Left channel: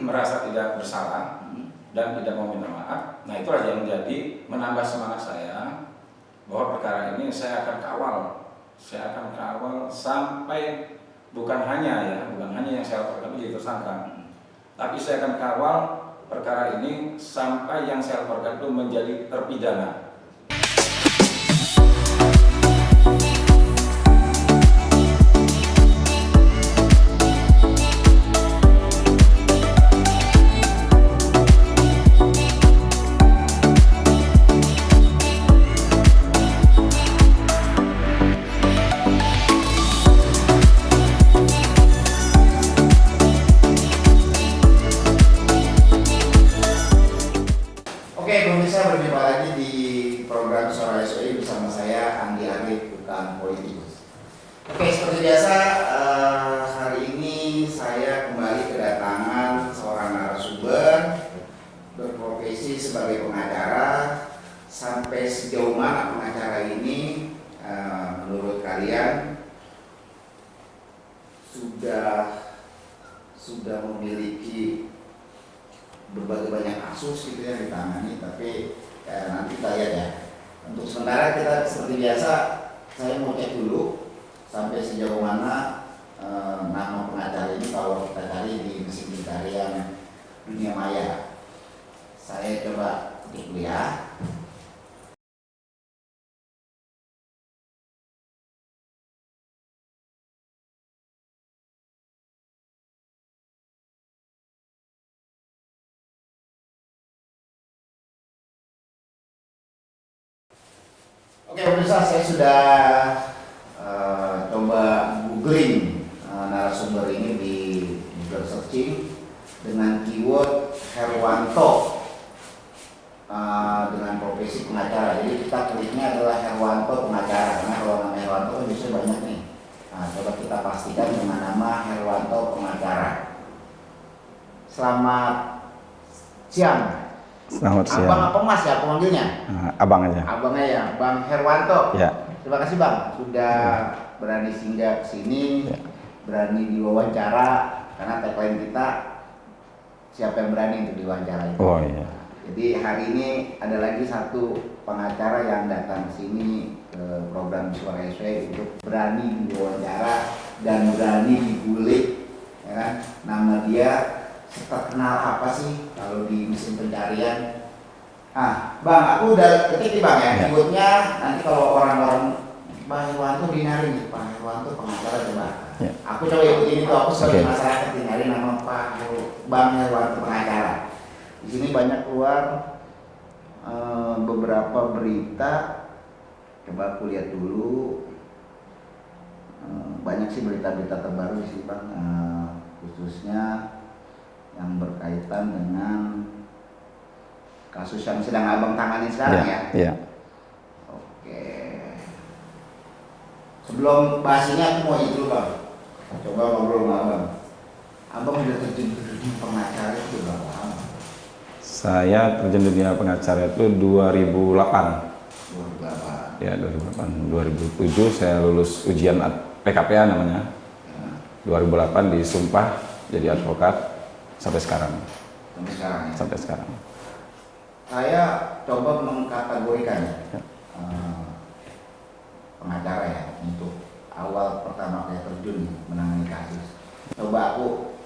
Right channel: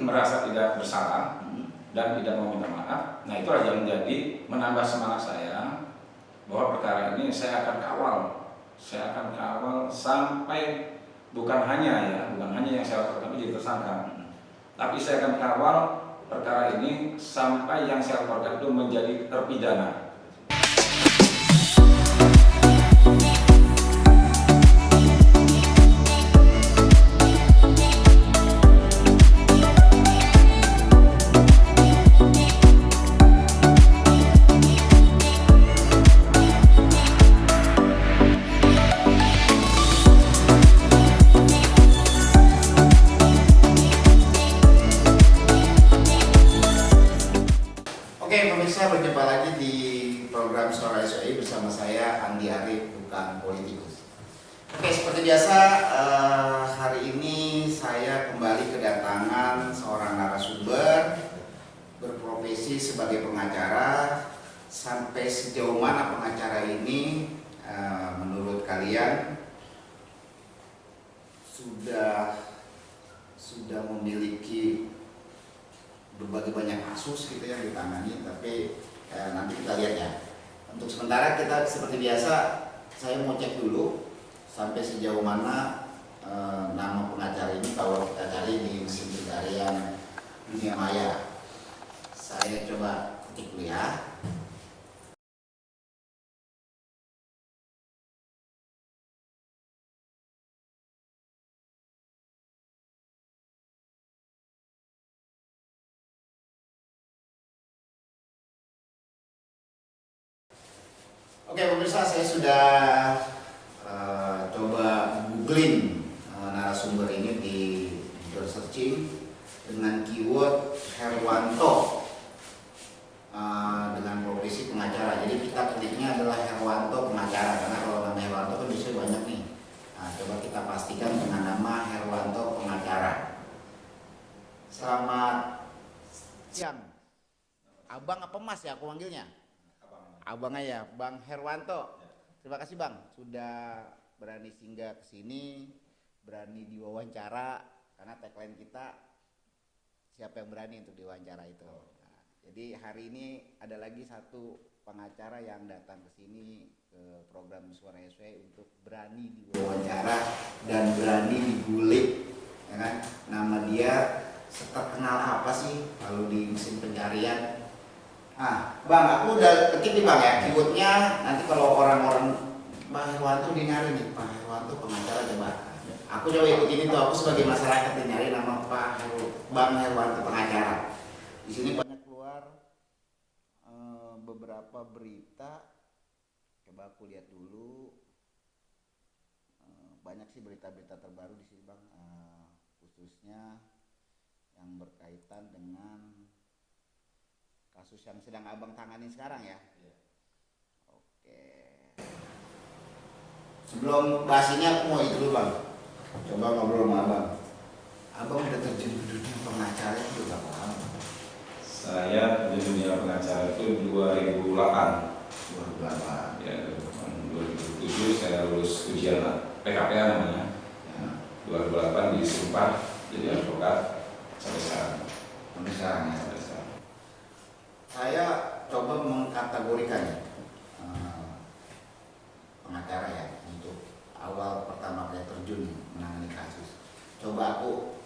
merasa tidak bersalah dan tidak mau minta maaf. Nah, itulah yang menjadi menambah semangat saya bahwa perkara ini saya akan kawal. Saya akan kawal sampai bukan hanya yang saya laporkan itu jadi tersangka, tapi saya akan kawal perkara ini sampai yang saya laporkan itu menjadi terpidana. Oke, pemirsa, berjumpa lagi di program Suara SOI bersama saya Andi Arif, bukan politikus. Oke, seperti biasa hari ini saya kembali kedatangan seorang narasumber berprofesi sebagai pengacara. Sampai sejauh mana pengacara ini menurut kalian sudah memiliki berbagai banyak kasus gitu yang ditangani, tapi nanti kita lihat ya. Untuk sementara kita seperti biasa, saya mau cek dulu sampai sejauh mana nama pengacara ini kalau kita cari di mesin pencarian dunia maya. Saya coba cek dulu ya. Oke, pemirsa, saya sudah coba googling narasumber ini di Google searching dengan keyword Herwanto dengan profesi pengacara. Jadi kita ketiknya adalah Herwanto pengacara, karena kalau nama Herwanto kan bisa banyak nih. Nah, coba kita pastikan dengan nama Herwanto pengacara. Selamat siang. Selamat siang. Abang apa Mas ya pemanggilnya? Abang aja. Abang ya, Bang Herwanto. Ya. Terima kasih Bang sudah berani singgah ke sini, berani diwawancara, karena tagline kita siapa yang berani untuk diwawancara. Oh iya. Jadi hari ini ada lagi satu pengacara yang datang ke sini ke program Suara SOI untuk berani diwawancara dan berani digulik, ya kan? Nama dia terkenal apa sih kalau di mesin pencarian? Bang, aku udah ketik nih Bang ya, keywordnya. Nanti kalau orang-orang Pak Herwanto dinari nih, Pak Herwanto pengacara coba. Ya. Aku coba ikutin itu, aku sebagai masyarakat dinari nama Bang Herwanto pengacara. Di sini banyak keluar beberapa berita. Coba aku lihat dulu. Banyak sih berita-berita terbaru di sini Bang, khususnya yang berkaitan dengan kasus yang sedang Abang tangani sekarang ya. Iya. Oke. Sebelum bahas ini aku mau itu dulu Bang. Coba ngobrol sama Abang. Abang udah terjun di dunia pengacara itu berapa lama? Saya terjun di dunia pengacara itu 2008. 2008. Ya, 2008. 2007 saya lulus ujian PKPA namanya. Ya. 2008 disumpah jadi advokat sampai sekarang. Sampai sekarang ya? Sampai sekarang. Saya coba mengkategorikan pengacara ya, untuk awal pertama saya terjun menangani kasus. Coba aku,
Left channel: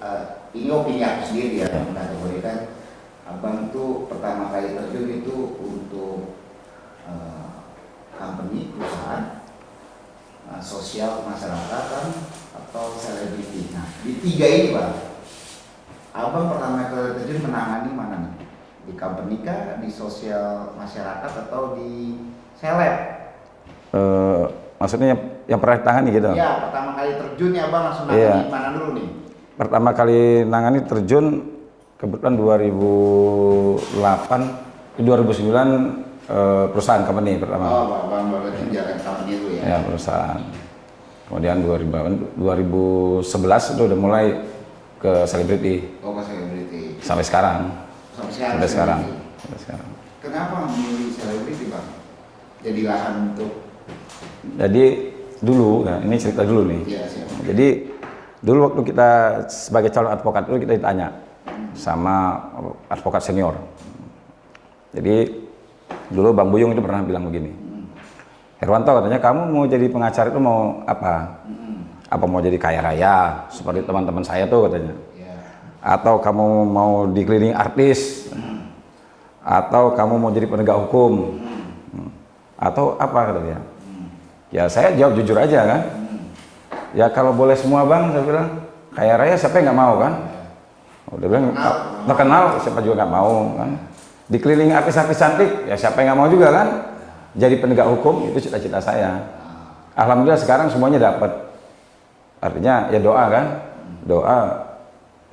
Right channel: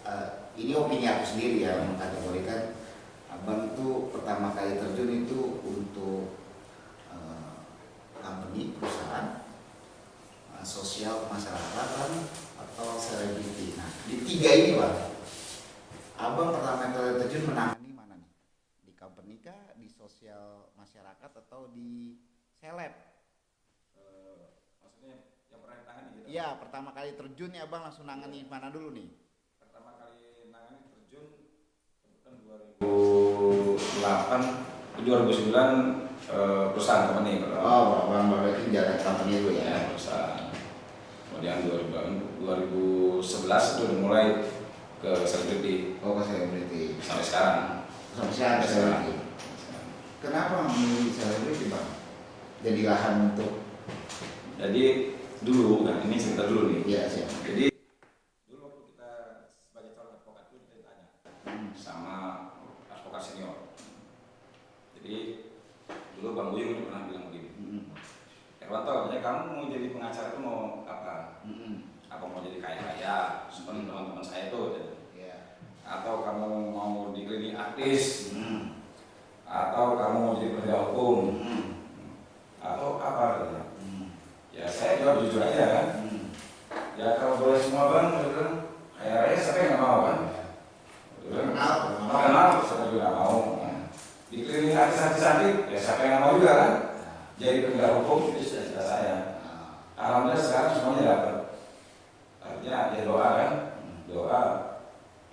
ini opini aku sendiri ya, mengkategorikan Abang itu pertama kali terjun itu untuk company, perusahaan, sosial masyarakat atau selebriti. Nah, di tiga ini Bang, Abang pertama kali terjun menangani mana nih? Di company kah, di sosial masyarakat atau di seleb? Maksudnya yang pernah ditangani gitu? Iya, pertama kali terjun ya Bang langsung nangani mana dulu nih? Pertama kali nangani terjun kebetulan 2008, 2009 perusahaan company pertama. Oh, Bang berarti jalan company itu ya? Ya, perusahaan. Kemudian 2011 itu udah mulai ke selebriti. Oh, ke selebriti. Sampai sekarang. Sampai sekarang. Kenapa memilih selebriti Bang? Jadi lahan untuk? Jadi dulu, nah ini cerita dulu nih. Iya, siap. Jadi dulu waktu kita sebagai calon advokat itu kita ditanya, sama advokat senior. Jadi dulu Bang Buyung itu pernah bilang begini, Herwanto katanya, kamu mau jadi pengacara itu mau apa? Apa mau jadi kaya raya seperti teman-teman saya tuh katanya? Atau kamu mau dikelilingi artis? Atau kamu mau jadi penegak hukum? Atau apa katanya? Ya saya jawab jujur aja kan. Ya kalau boleh semua Bang, saya bilang kaya raya siapa yang nggak mau kan? Udah bilang terkenal siapa juga nggak mau kan? Dikelilingi artis-artis cantik ya siapa yang nggak mau juga kan? Jadi penegak hukum itu cita-cita saya. Alhamdulillah sekarang semuanya dapat. Artinya ya doa kan, doa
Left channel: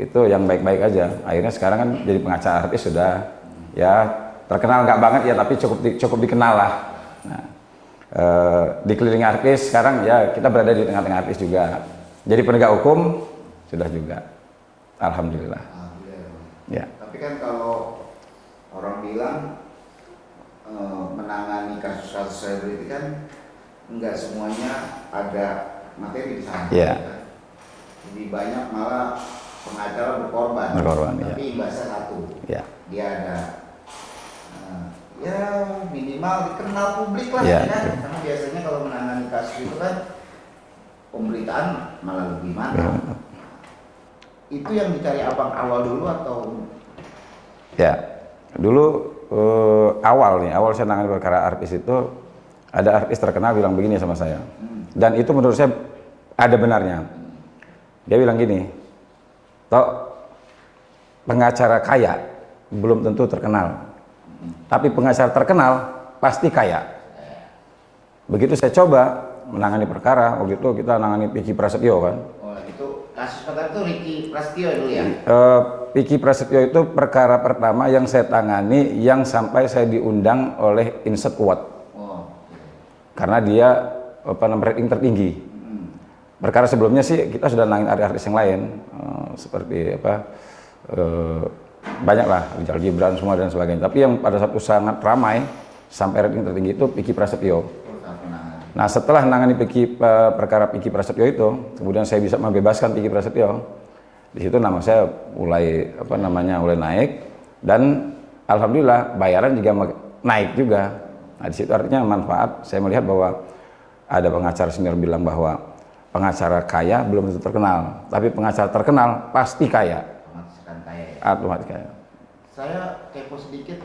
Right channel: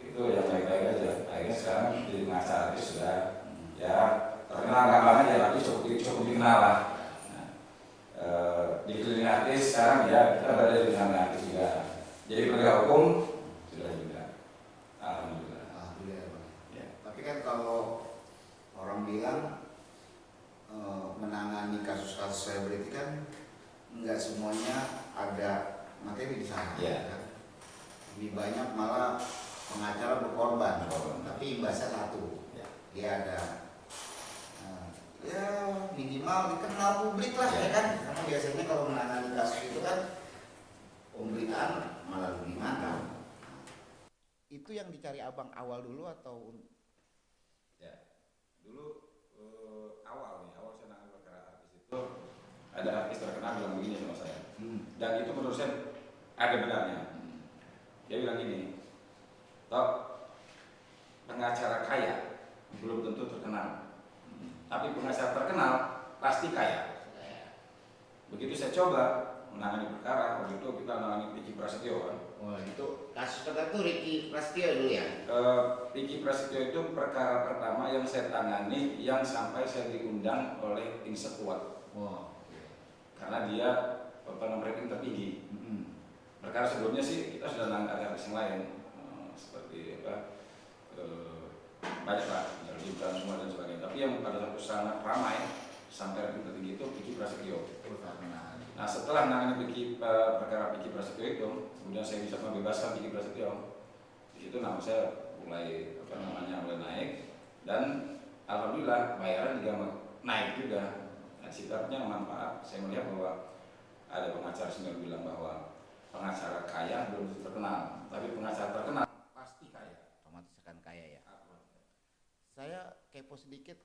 itu yang baik-baik aja. Akhirnya sekarang kan jadi pengacara artis sudah ya terkenal nggak banget ya tapi cukup dikenal lah. Nah, dikelilingi artis sekarang ya kita berada di tengah-tengah artis juga. Jadi penegak hukum sudah juga. Alhamdulillah. Ya. Tapi kan kalau orang bilang menangani kasus-kasus selebriti kan enggak semuanya ada materi di sana. Ya. Kan? Lebih banyak malah pengacara berkorban. Tapi bahasa satu. Ya. Dia ada ya minimal dikenal publik lah ya. Kan. Karena biasanya kalau menangani kasus itu kan pemberitaan malah lebih mantap. Ya. Itu yang dicari abang awal dulu atau? Ya, dulu awal saya nangani perkara artis itu ada artis terkenal bilang begini sama saya, dan itu menurut saya ada benarnya. Dia bilang gini, toh pengacara kaya belum tentu terkenal, tapi pengacara terkenal pasti kaya. Begitu saya coba menangani perkara, waktu itu kita menangani Vicky Prasetyo kan. Oh, itu kasus perkara itu Ricky Prasetyo dulu ya? Vicky Prasetyo itu perkara pertama yang saya tangani yang sampai saya diundang oleh Inset Award. Oh. Karena dia rating tertinggi. Perkara sebelumnya sih kita sudah nangin artis yang lain seperti banyak lah Rizal Gibran semua dan sebagainya. Tapi yang pada satu sangat ramai sampai rating tertinggi itu Vicky Prasetyo. Nah setelah nangani perkara Vicky Prasetyo itu, kemudian saya bisa membebaskan Vicky Prasetyo. Di situ nama saya mulai mulai naik dan alhamdulillah bayaran juga naik juga. Nah di situ artinya manfaat. Saya melihat bahwa ada pengacara senior bilang bahwa pengacara kaya belum tentu terkenal, tapi pengacara terkenal pasti kaya. Otomatis kaya. Saya kepo sedikit,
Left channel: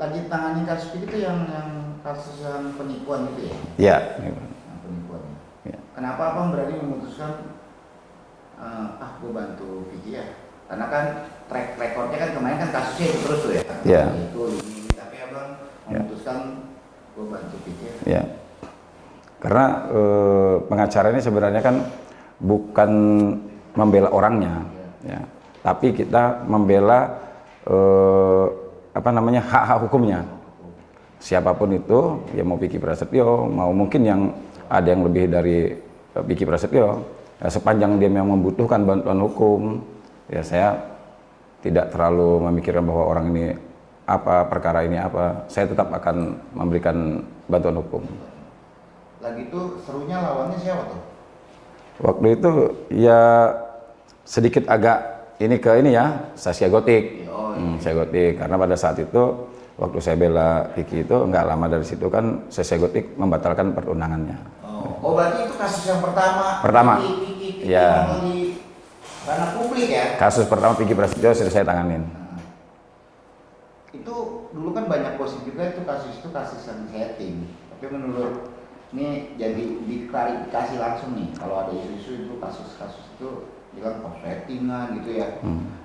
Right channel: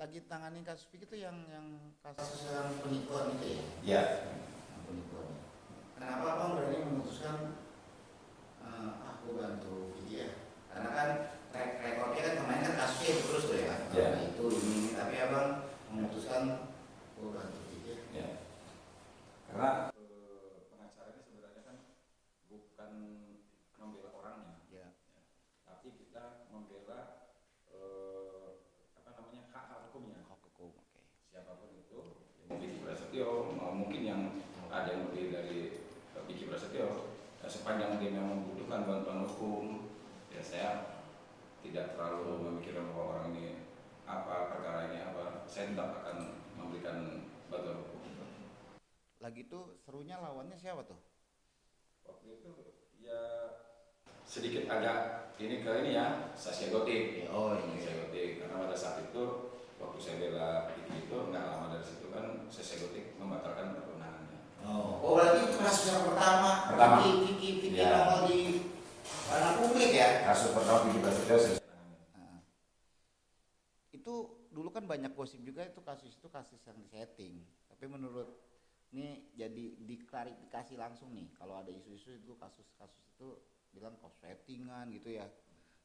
lagi tangani kasus itu yang kasus yang penipuan gitu ya? Iya. Penipuan. Ya. Kenapa abang berani memutuskan gue bantu Vicky ya? Karena kan track recordnya kan kemarin kan kasusnya itu terus tuh ya? Iya. Itu ini, tapi abang memutuskan gue bantu Vicky ya? Iya. Karena pengacara ini sebenarnya kan bukan membela orangnya, ya. Tapi kita membela hak-hak hukumnya. Siapapun itu, ya mau Vicky Prasetyo, mau mungkin yang ada yang lebih dari Vicky Prasetyo, ya sepanjang dia memang membutuhkan bantuan hukum, ya saya tidak terlalu memikirkan bahwa orang ini apa, perkara ini apa, saya tetap akan memberikan bantuan hukum. Lagi itu serunya lawannya siapa tuh? Waktu itu ya sedikit agak ini ya, Saskia Gotik. Saskia Gotik, karena pada saat itu waktu saya bela Vicky itu nggak lama dari situ kan Saskia Gotik membatalkan pertunangannya. Oh berarti itu kasus yang pertama. Vicky ya. Di ranah publik ya? Kasus pertama Vicky Prasetyo sudah saya tanganin. Itu dulu kan banyak gosip juga itu kasus yang setting. Tapi menurut ini jadi diklarifikasi langsung nih, kalau ada isu-isu itu kasus-kasus itu bilang settingan gitu ya,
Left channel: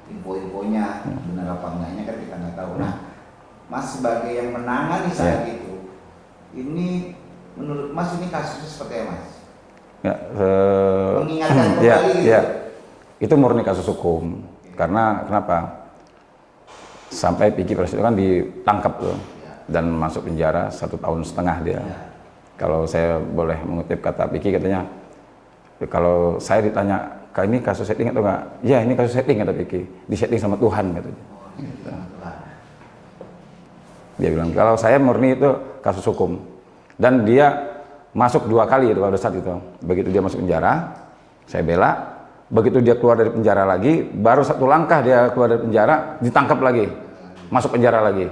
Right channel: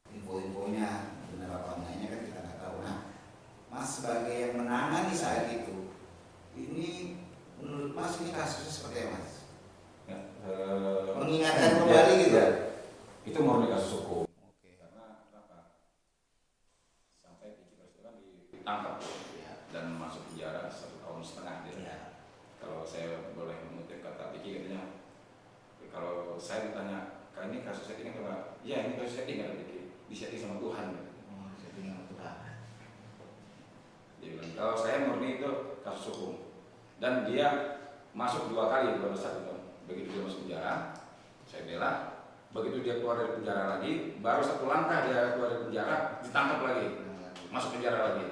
info-infonya benar apa enggaknya kan kita nggak tahu. Nah, Mas sebagai yang menangani saat itu, ini menurut Mas ini kasusnya seperti apa Mas? Ya, mengingatkan kembali gitu? Ya, itu murni kasus hukum. Karena kenapa? Sampai Vicky Prasetyo kan ditangkap tuh dan masuk penjara 1,5 tahun dia. Kalau saya boleh mengutip kata Vicky, katanya kalau saya ditanya, ini kasus setting atau enggak? Ya ini kasus setting, kata Vicky. Disetting sama Tuhan katanya. Dia bilang kalau saya murni itu kasus hukum. Dan dia masuk 2 kali itu pada saat itu. Begitu dia masuk penjara, saya bela. Begitu dia keluar dari penjara lagi, baru satu langkah dia keluar dari penjara, ditangkap lagi, masuk penjara lagi.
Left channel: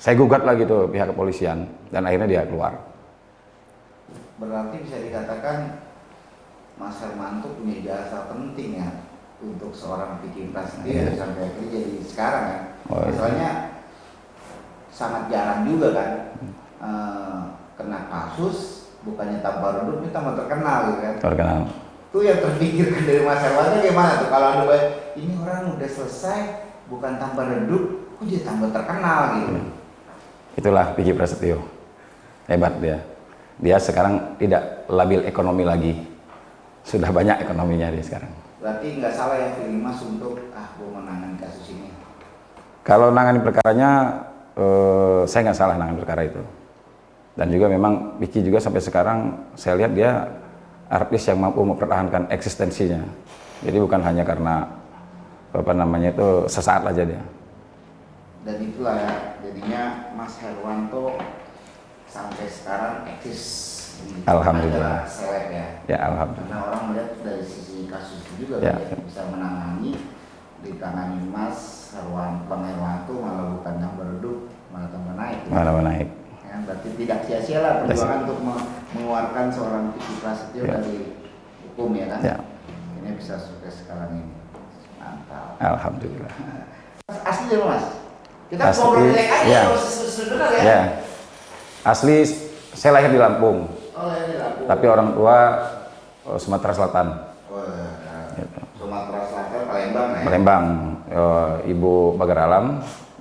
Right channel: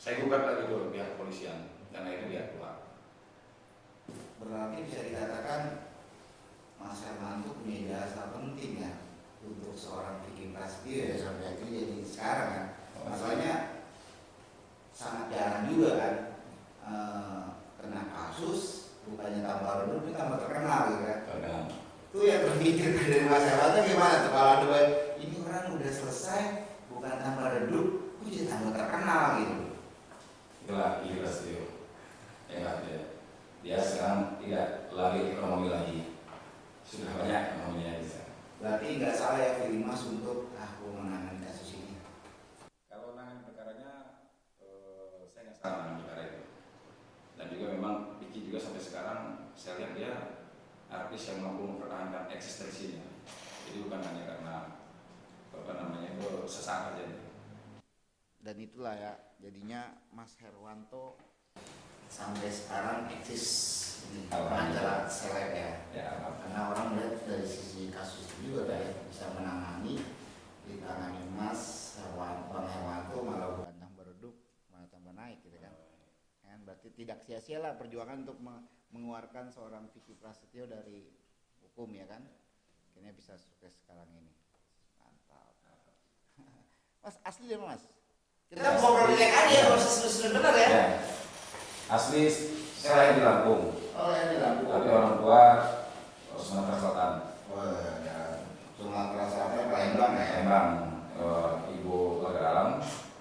Saya gugat lagi tuh pihak kepolisian, dan akhirnya dia keluar. Berarti bisa dikatakan Mas Hermanto punya jasa penting ya untuk seorang Vicky Prasetyo sampai akhirnya jadi sekarang kan. Soalnya sangat jarang juga kan kena kasus, bukannya tambah redup, ini tambah terkenal gitu kan. Terkenal. Itu yang terpikirkan dari Mas Hermanto gimana tuh? Kalau ada ini orang udah selesai, bukan tambah redup, kok jadi tambah terkenal gitu. Itulah Vicky Prasetyo, hebat dia. Dia sekarang tidak labil ekonomi lagi, sudah banyak ekonominya dia sekarang. Berarti nggak salah ya pilih Mas untuk gue menangani kasus ini. Kalau nangani perkaranya, saya nggak salah nangani perkara itu. Dan juga memang Vicky juga sampai sekarang saya lihat dia artis yang mampu mempertahankan eksistensinya. Jadi bukan hanya karena apa namanya itu sesaat aja dia. Dan itulah ya, jadinya Mas Herwanto sampai sekarang eksis. Alhamdulillah. Seleb ya. Ya alhamdulillah. Karena orang melihat dari sisi kasus itu juga Ya. dia bisa menangani, ditangani Mas Bang Herwanto malah bukan tambah redup, malah tambah naik. Ya. Malah naik. Ya, berarti tidak sia-sia lah perjuangan untuk mengeluarkan seorang Vicky Prasetyo Ya. dari hukum ya kan. Ya. Ini bisa sukses sekarang ini. Mantap. Alhamdulillah. Mas, asli ya Mas? Kita Asli, ngobrol aja ya. kalau sebenarnya ya. Ya. Asli saya lahir di Lampung, Oh ini Lampung. tapi orang tua Sumatera Selatan. Wah, Gitu. Sumatera Selatan, Palembang ya. Palembang, Ibu Bagar Alam,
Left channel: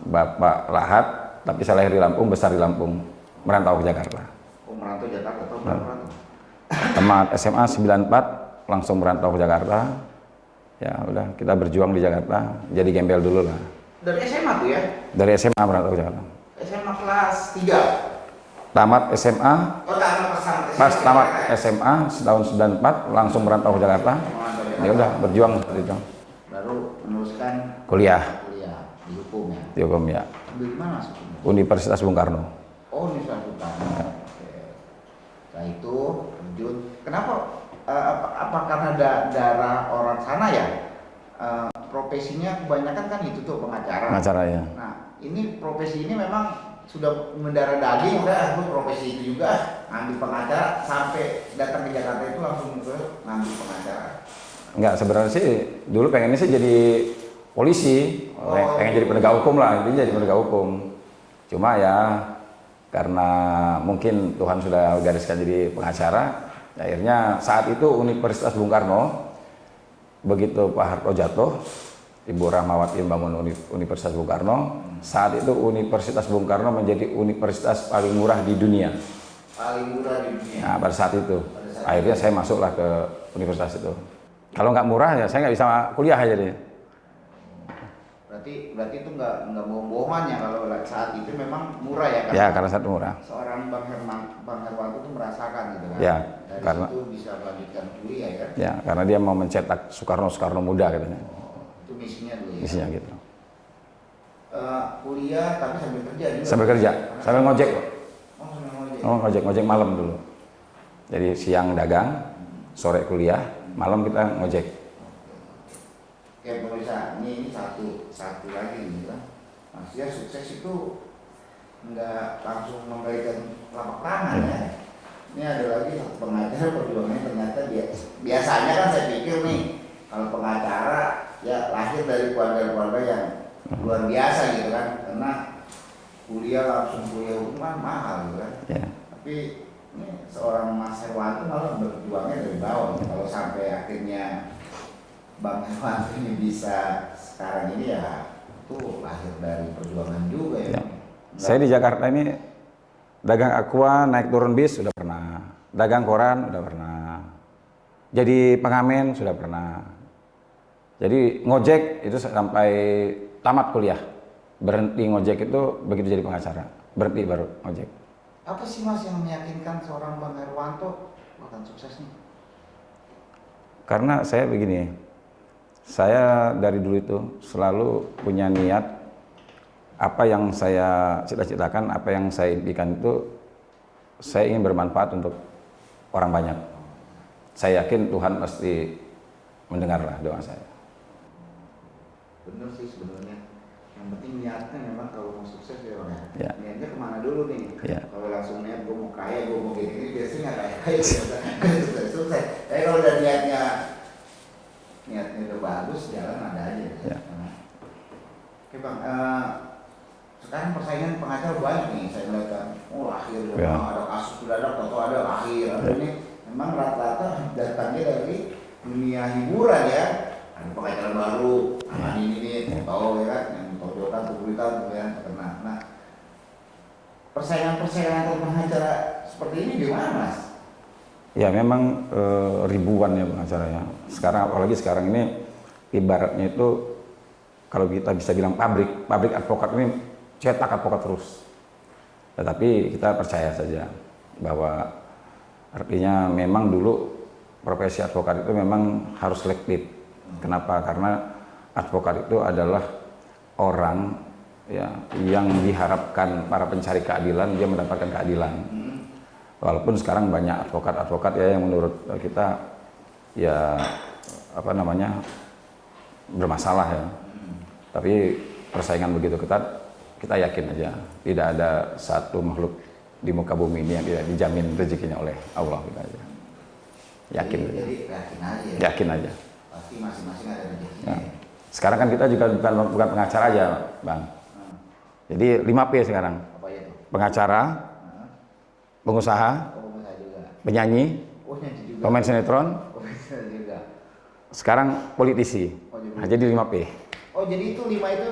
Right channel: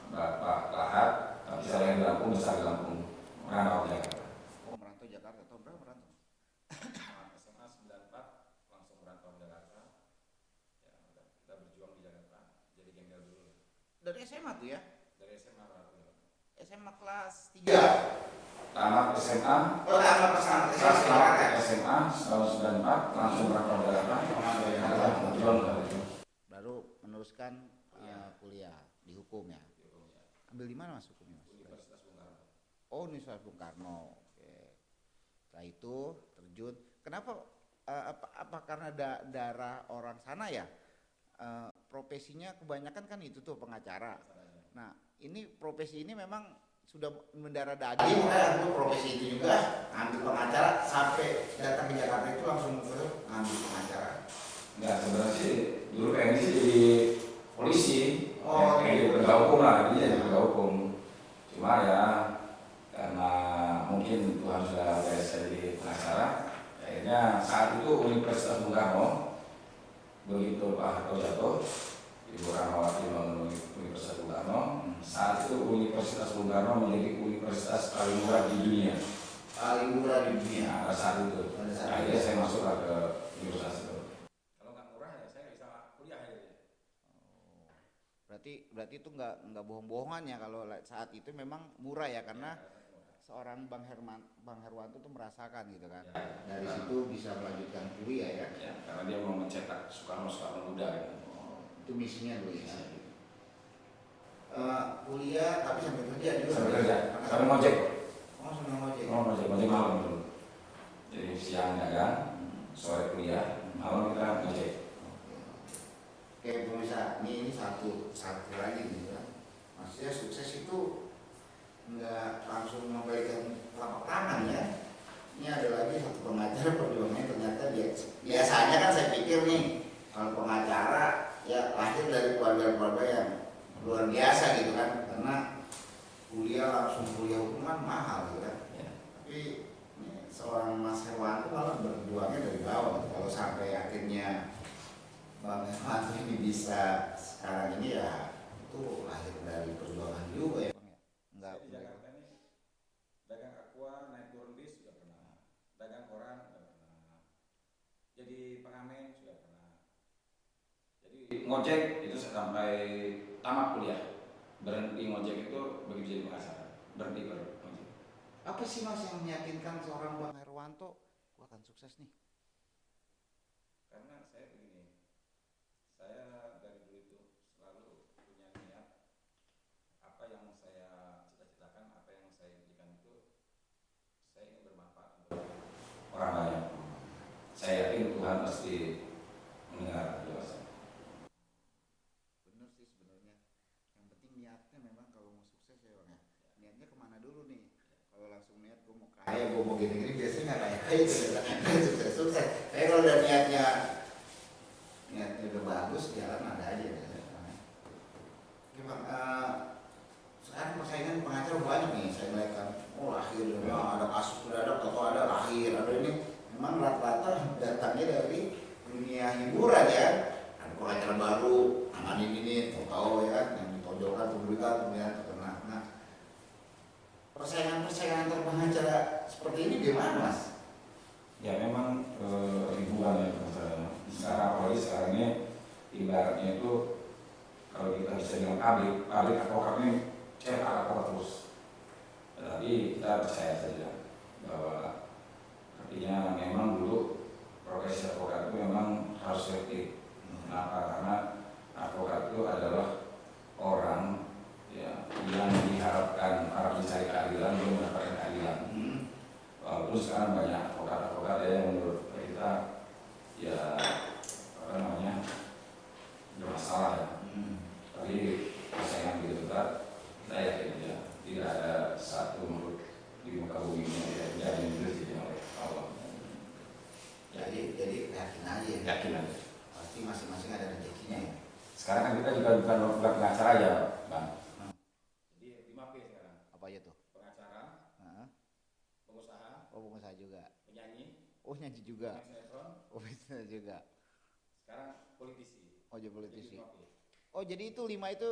Bapak Lahat, tapi saya lahir di Lampung, besar di Lampung, merantau ke Jakarta. Oh merantau Jakarta atau merantau? Tamat SMA 94, langsung merantau ke Jakarta. Ya udah, kita berjuang di Jakarta, jadi gembel dulu lah. Dari SMA tuh ya? Dari SMA merantau ke Jakarta. SMA kelas 3. Tamat SMA, Oh tamat pesantren. pas tamat SMA tahun 94, langsung merantau ke Jakarta. Ya udah, berjuang gitu. Baru meneruskan Kuliah kuliah di hukum ya. di hukum ya, Di mana masuk? Universitas Bung Karno. Oh Universitas Bung Karno. Oke. Setelah itu terjun. Kenapa? Apa karena darah orang sana ya? Profesinya kebanyakan kan itu tuh pengacara. Pengacara ya. Nah, ini profesi ini memang sudah mendarah daging, udah aku profesi itu juga ngambil pengacara sampai datang ke Jakarta itu langsung ke ngambil pengacara. Enggak, sebenarnya sih dulu pengennya sih jadi polisi, pengen jadi penegak hukum lah, jadi penegak hukum. Cuma ya karena mungkin Tuhan sudah gariskan jadi pengacara, akhirnya saat itu Universitas Bung Karno, begitu Pak Harto jatuh, Ibu Rahmawati membangun Universitas Bung Karno. Saat itu Universitas Bung Karno menjadi universitas paling murah di dunia. Paling murah di dunia. Nah, pada saat itu, akhirnya saya masuklah ke universitas itu. Kalau nggak murah ya saya nggak bisa kuliah aja deh. Berarti itu nggak bohong-bohongan ya kalau saat itu memang murah ya kan? Ya, karena saat murah. Seorang Bang Herwanto itu merasakan gitu kan? Ya, dari karena situ bisa lanjutkan kuliah ya? ya karena dia mau mencetak Soekarno muda katanya. Itu misinya dulu ya? Misinya gitu. Kuliah tapi sambil kerja juga? Sambil kerja, sambil ngojek. Oh sambil ngojek? Oh, ngojek malam dulu. Jadi siang dagang, sore kuliah, malam kita ngojek. Oke pemirsa, ini satu lagi gitu kan. Maksudnya sukses itu nggak langsung memberikan lapangan ya. Ini ada lagi satu pengacara perjuangannya ternyata biasanya kan saya pikir nih kalau pengacara ya lahir dari keluarga-keluarga yang luar biasa gitu kan, karena langsung kuliah hukum kan mahal gitu kan. Ya. Tapi ini seorang Mas Herwanto malah berjuangnya dari bawah. Kalau sampai akhirnya Bang Herwanto ini bisa sekarang ini ya itu lahir dari perjuangan juga ya. Ya. Saya di Jakarta ini dagang aqua, naik turun bis sudah pernah, dagang koran sudah pernah, jadi pengamen sudah pernah, jadi ngojek itu sampai tamat kuliah, berhenti ngojek itu begitu jadi pengacara, berhenti baru ngojek. Apa sih Mas yang meyakinkan seorang Bang Herwanto akan sukses nih? Karena saya begini, saya dari dulu itu selalu punya niat, apa yang saya cita-citakan, apa yang saya impikan itu, saya ingin bermanfaat untuk orang banyak. Saya yakin Tuhan pasti mendengarlah doa saya. Bener sih sebenarnya. Yang penting niatnya memang kalau mau sukses ya Bang. Ya. Niatnya kemana dulu nih? Ya. Kalau langsung niat gue mau kaya, gue mau gini-gini biasanya nggak kaya sukses. Tapi kalau udah niatnya udah bagus, jalan ada aja. Ya. Oke Bang, sekarang persaingan pengacara banyak nih saya lihat kan. Oh lahir Ya. ada kasus sudah ada, atau ada lahir. Ada ini memang rata-rata datangnya dari dunia hiburan ya. Ada pengacara baru, ini tahu ya, yang todokan, tulisan, ya terkena. Nah, persaingan pengacara seperti ini gimana Mas? Ya memang ribuan ya pengacaranya. Sekarang apalagi sekarang ini ibaratnya itu kalau kita bisa bilang pabrik advokat ini cetak advokat terus. Tetapi kita percaya saja bahwa artinya memang dulu profesi advokat itu memang harus selektif. Kenapa? Karena advokat itu adalah orang ya yang diharapkan para pencari keadilan dia mendapatkan keadilan. Walaupun sekarang banyak advokat ya yang menurut kita ya apa namanya bermasalah ya. Tapi persaingan begitu ketat, kita yakin aja tidak ada satu makhluk di muka bumi ini yang tidak dijamin rezekinya oleh Allah kita aja. Yakin. Jadi yakin aja. Yakin aja. Pasti masing-masing ada rezekinya. Ya. Sekarang kan kita juga bukan pengacara aja, Bang. Jadi 5P sekarang. Apa itu? Pengacara, pengusaha, Pengusaha juga. penyanyi, Oh nyanyi juga. pemain sinetron, Pengusaha juga. sekarang politisi. Oh, Nah, jadi 5P. Oh jadi itu 5 itu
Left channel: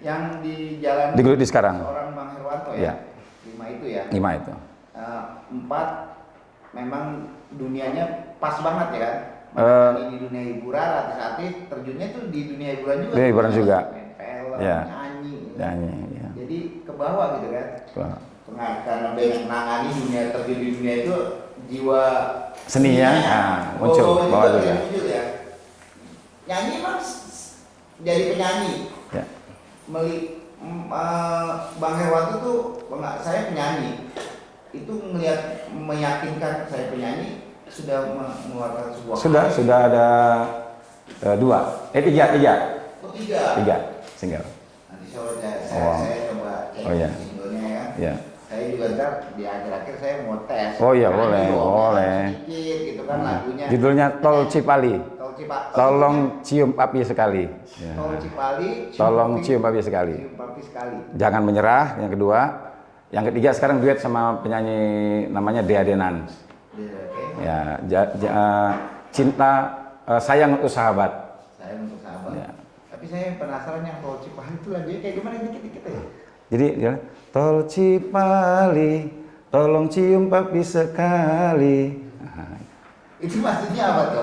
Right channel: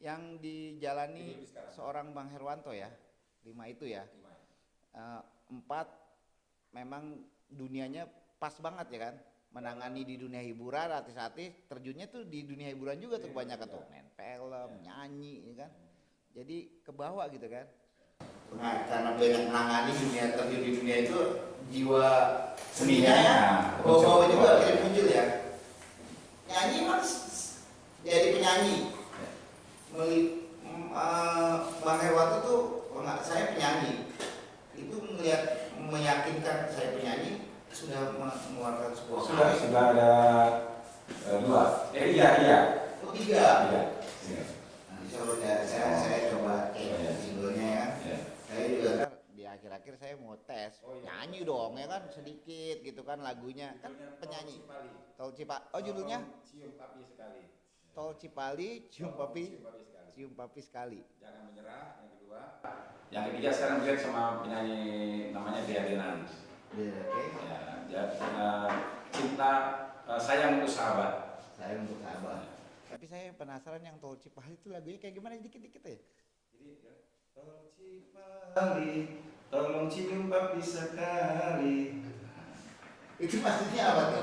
yang di jalan Digeluti sekarang. seorang Bang Herwanto Ya. ya? 5 itu ya? 5 itu. 4 memang dunianya pas banget ya kan? Ini di dunia hiburan, artis-artis terjunnya tuh di dunia hiburan juga. Dunia hiburan juga. Main film, Ya. nyanyi. Gitu. Nyanyi, ya. Jadi ke bawah gitu kan? Wah. Karena banyak menangani dunia terjun di dunia itu jiwa Seninya, muncul. juga Bawah juga. tidak muncul ya. Nyanyi mas jadi penyanyi. Ya. Bang Herwanto tuh saya penyanyi. Itu melihat meyakinkan saya penyanyi sudah mengeluarkan sebuah Sudah ada 3 Oh, 3. single. Nanti saya coba cek Oh, iya. singlenya ya. Ya. Saya juga ntar di akhir-akhir saya mau tes. Oh iya, Nyanyi boleh, dong, boleh. sedikit gitu kan lagunya. Judulnya Tol Cipali. Tol Cipali. Tolong cium api sekali. Ya. Tol Cipali. Tolong cium api sekali. Cium api sekali. Jangan menyerah. Yang kedua, yang ketiga sekarang duet sama penyanyi namanya Dea Denan. Iya, oke. Ya, cinta sayang untuk sahabat. Saya untuk sahabat. Ya. Tapi saya penasaran yang Tol Cipali itu lagunya kayak gimana dikit-dikit ya. Jadi dia Tol Cipali, tolong cium papi sekali. Itu maksudnya apa tuh?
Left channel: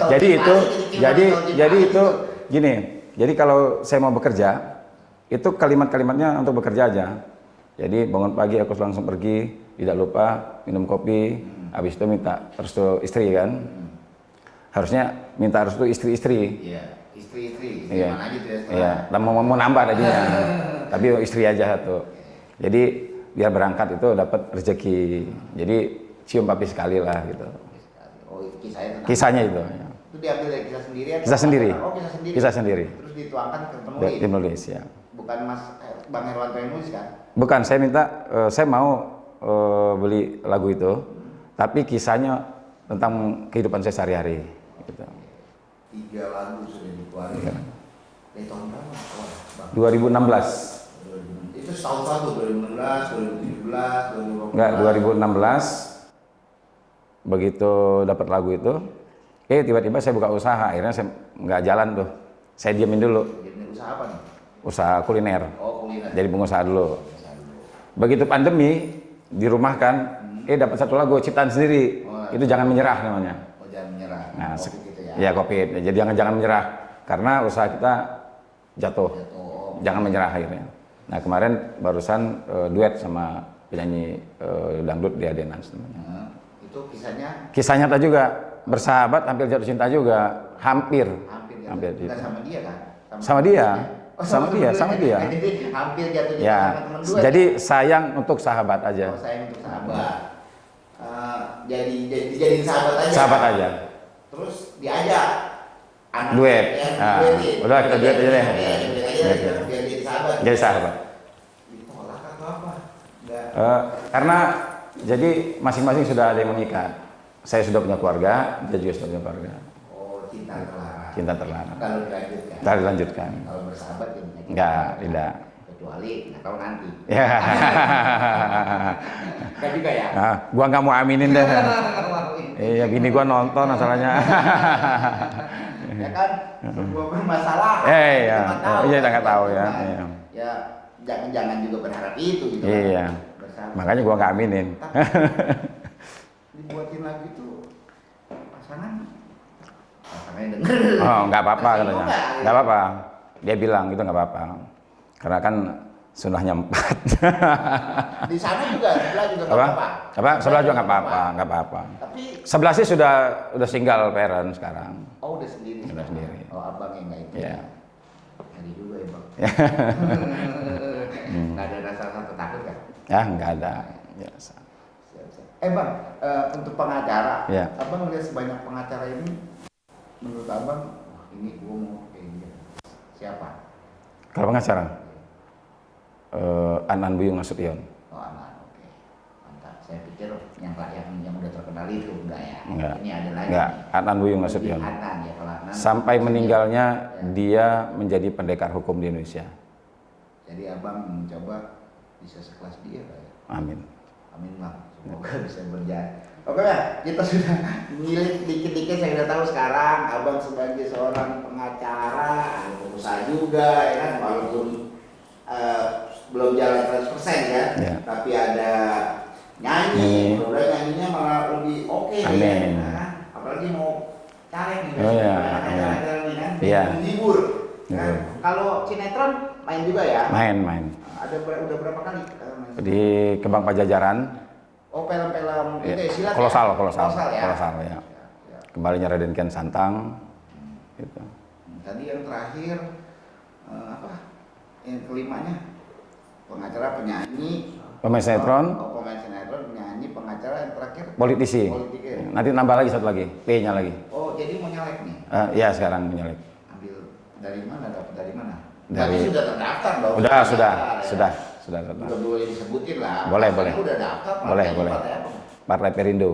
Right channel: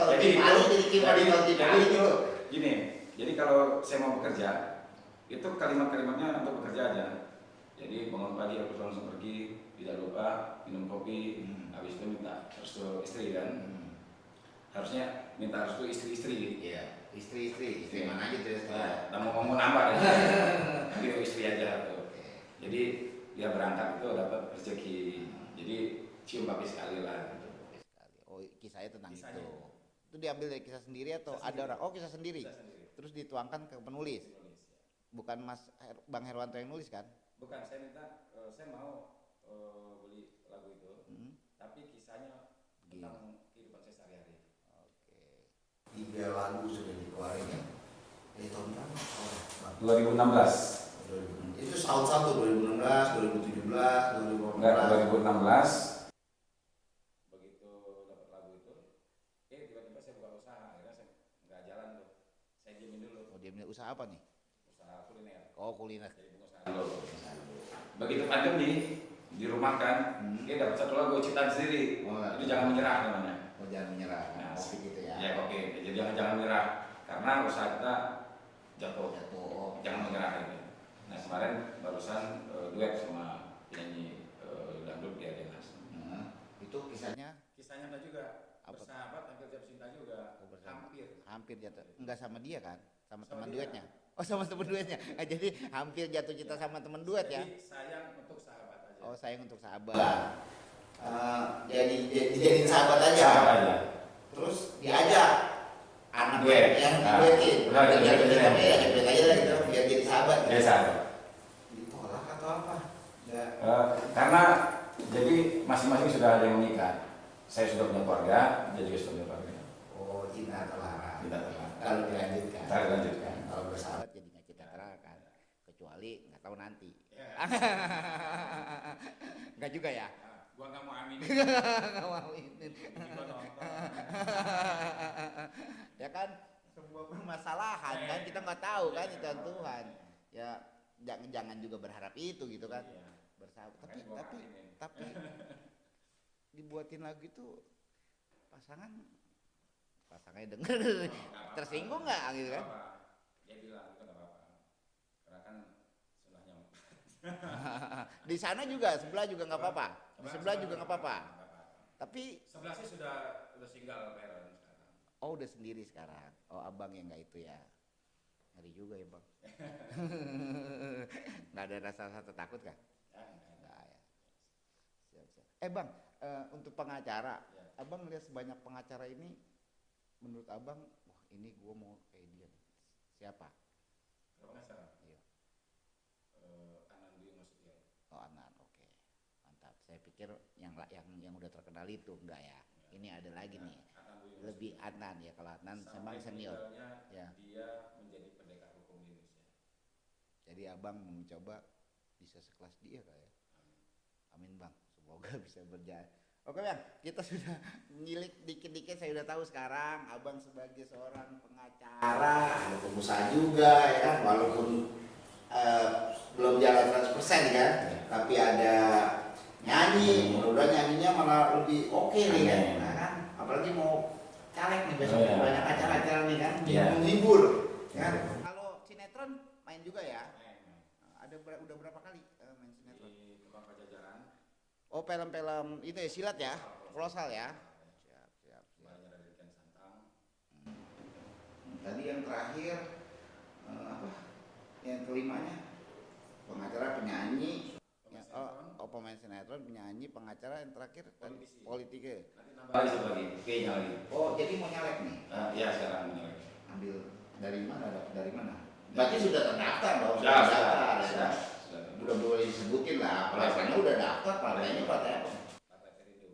Tol Jadi Cipali, itu, gimana jadi Tol Cipali jadi itu gini. Jadi kalau saya mau bekerja, itu kalimat-kalimatnya untuk bekerja aja. Jadi bangun pagi aku langsung pergi, tidak lupa minum kopi, habis itu minta restu istri kan. Harusnya minta restu istri-istri. Iya, istri Iya. mana aja tuh ya. Iya, dan mau nambah tadi. Tapi istri aja satu. Jadi biar berangkat itu dapat rezeki. Jadi cium papi sekali lah gitu. Oh, kisahnya tentang Kisahnya itu. Ya. itu diambil dari kisah sendiri atau Kisah sendiri. Oh, kisah sendiri. Kisah sendiri. Terus dituangkan ke Dari penulis. penulis ya. Bukan Mas Bang Herwanto yang nulis kan? Bukan, saya minta, saya mau beli lagu itu, tapi kisahnya tentang kehidupan saya sehari-hari. Gitu. 3 lagu sudah dikeluarkan. Dari tahun berapa? Bang? 2016. Itu tahun satu 2016, 2017, 2018. Enggak, 2016. Begitu dapat lagu itu, tiba-tiba saya buka usaha, akhirnya saya nggak jalan tuh. Saya diamin dulu, Jadi usaha apa nih? usaha kuliner. Oh, kuliner. Jadi pengusaha dulu. Usaha dulu. Begitu pandemi, dirumahkan, dapat satu lagu ciptaan sendiri. Oh, Itu jangan menyerah namanya. Oh, jangan menyerah. Nah, Kopi gitu ya. Iya Covid. Jadi jangan menyerah karena usaha kita jatuh. Jatuh. Jangan menyerah akhirnya. Nah kemarin barusan duet sama penyanyi dangdut Dea Denan. Itu kisahnya Kisah nyata juga, bersahabat hampir jatuh cinta juga, hampir. hampir Hampir jatuh. Bukan gitu. sama dia kan? Sama dia. Oh, Sama dia, sama dia. Jadi hampir jatuh cinta Ya, sama teman dua. jadi sayang untuk sahabat aja. Oh, saya untuk sahabat. Jadi sahabat aja. Sahabat aja. terus diajak anak Duet. yang Ah, duetin. udah, kita duet aja deh. Duet aja deh, kita biar jadi sahabat. Jadi sahabat. Ditolak atau apa? Enggak. Karena jadi masing-masing sudah ada yang menikah. Saya sudah punya keluarga, dia juga sudah punya keluarga. Oh, cinta terlarang. Cinta terlarang. Kalau dilanjutkan. Kita lanjutkan. Kalau bersahabat ya menyakitkan. Enggak, tidak. Kecuali nggak tahu nanti. Ya. Enggak juga ya. Nah, gua nggak mau aminin deh. Iya, bini gua nonton masalahnya. Ya kan, sebuah bermasalah. Iya. Kita nggak tahu, Iya, kita kan? nggak tahu ya. Kan? Iya. Ya, jangan juga berharap itu gitu. kan. Iya. Bersahabat. Makanya gua nggak aminin. Tapi dibuatin lagi tuh pasangnya denger. Oh, nggak apa-apa Tersinggung katanya. nggak? Nggak apa-apa. Dia bilang itu nggak apa-apa. Karena kan sunahnya 4. Di sana juga sebelah juga nggak Apa? apa-apa. Apa? Sebelah juga nggak apa-apa, nggak apa-apa. Tapi Sebelah sih sudah single parent sekarang. oh udah sendiri. Udah sendiri. Oh abang yang nggak itu. Iya. Ngeri juga ya bang. Nggak ada rasa takut kan? Ya, nggak ada. Biasa. Siap. Bang, untuk pengacara, Iya. abang melihat sebanyak pengacara ini, menurut abang, wah ini gua mau kayak gini. Siapa? Kalau pengacara, Anan Buyung Nasution. Oh anak, oke, mantap. Saya pikir yang udah terkenal itu enggak ya? Enggak. Ini ada lagi. Enggak, Anan Buyung Lebih Nasution. Anan ya kalau Anan. Sampai meninggalnya Ya. dia menjadi pendekar hukum di Indonesia. Jadi abang mencoba bisa sekelas dia Pak, ya? Amin. Amin bang. Semoga bisa berjalan. Oke ya, kita sudah milik dikit-dikit. Saya udah tahu sekarang abang sebagai seorang pengacara, ada pengusaha juga ya kan, walaupun belum jalan 100% ya, Ya. tapi ada nyanyi, udah nyanyinya malah lebih oke nih kan, Amin. nah, kan? Apalagi mau tarik nih, Oh, ya. banyak acara-acara nih kan, Iya. menghibur. Kan? Iya. Kalau sinetron main juga ya? Main. Ada udah berapa kali? Main? Di Kembang Pajajaran, Oh film-film ya, itu ya, silat kolosal, ya? kolosal, ya? kolosal ya. Ya. Kembalinya Raden Kian Santang. Gitu. Tadi yang terakhir apa? Yang kelimanya pengacara, penyanyi, Pemain sinetron, oh, pemain sinetron, penyanyi, pengacara, yang terakhir politisi. politiker. Nanti nambah lagi satu lagi, P-nya lagi. Oh jadi mau nyalek nih? Ya sekarang menyalip. Ambil dari mana? Dapat dari mana? Dari- Tapi sudah terdaftar dong. Sudah. Sudah Sudah. boleh disebutin lah. Boleh, Partainya boleh. Udah daftar. Boleh, partainya boleh. partai apa? Partai Perindo.